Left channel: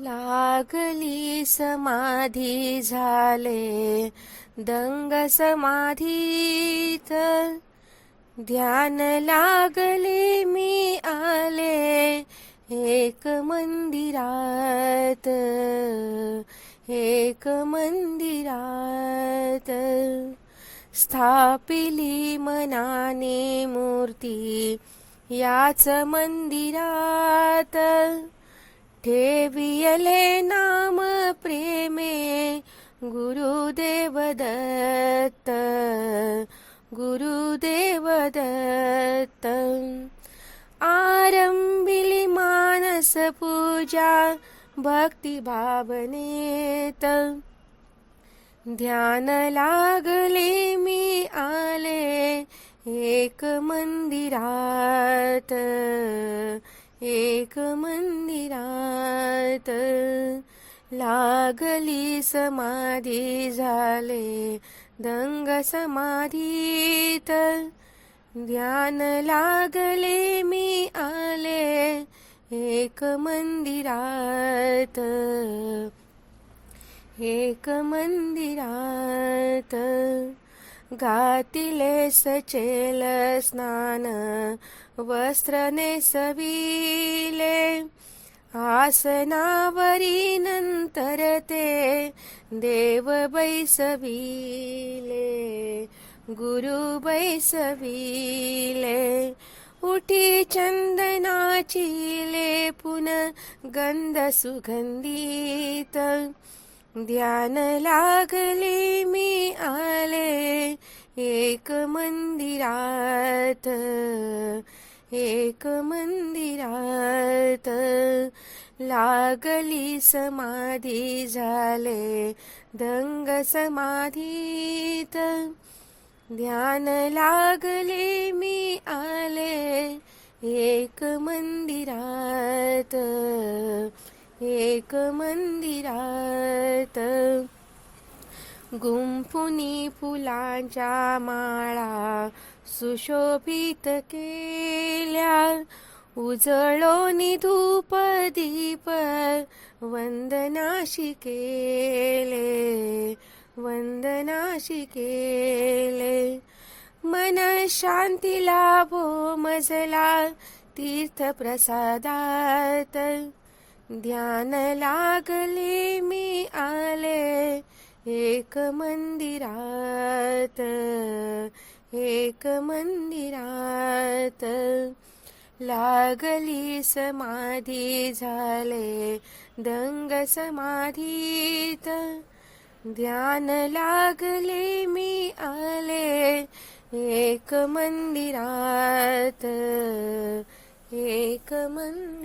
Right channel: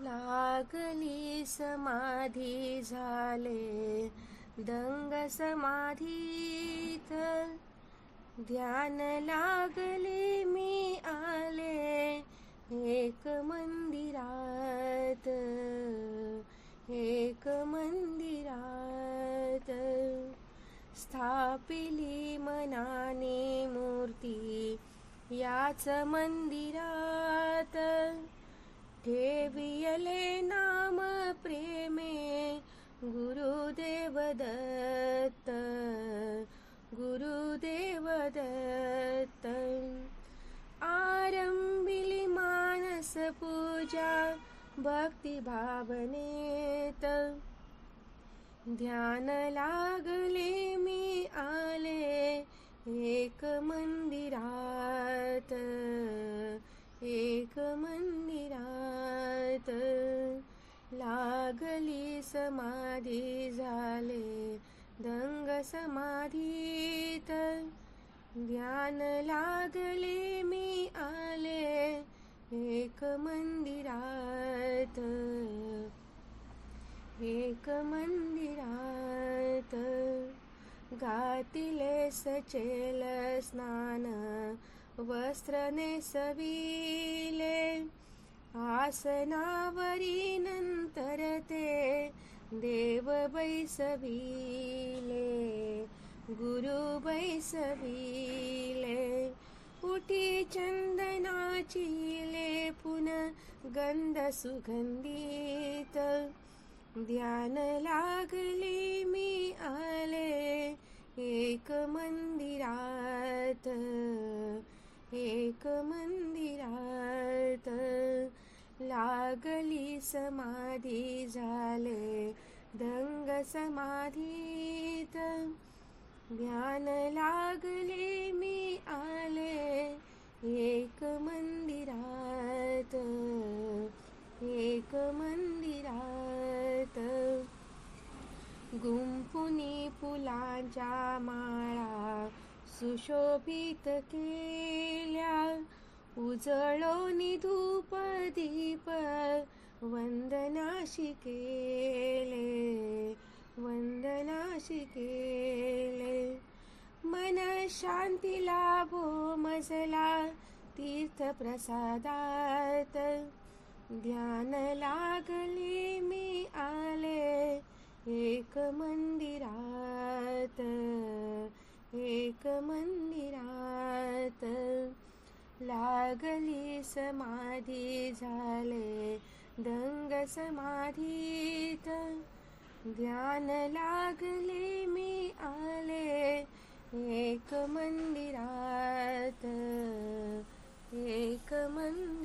लागली समाधी झाले. दंग समाधीत ध्यान लागले मी आले. एक मंदिरात एक मंदिरात स्थापिली मनाने मूर्ती. याच मंदिरात ठेवियले नाम प्रेमे गुरुदेव दत्त गुरुदेव दत्त। आरंभिली मानस पूजा भक्ती भावनेत। ध्यान लागले मी आले एक मंदिरात। एक मंदिरात लागली समाधी झाले. दंग समाधीत ध्यान लागले मी आले. एक मंदिरात एक मंदिरात घातिले सचेल स्नान वस्त्र नेसविले. आसनावरी नंतर ते देव बैसविले गुरु बैसविले. उठी चंदनाची लेपुन गंध सुगंधित. ध्यान लागले मी आले एक मंदिरात एक मंदिरात लागली समाधी झाले दंग समाधीत. ध्यान लागले मी आले एक मंदिरात एक मंदिरात. गुंफुनी फुलांच्या माळा सुशोभित केल्या. उजळोनी धूप दीप वंदनाशी केले वंदनाशी केले. मन शांती लाभो मजला तीर्थ प्रसादात ध्यान लागले मी आले एक मंदिरात एक मंदिरात लागली समाधी झाले दंग समाधीत. ध्यान लागले मी आले एक मंदिरात एक मंदिर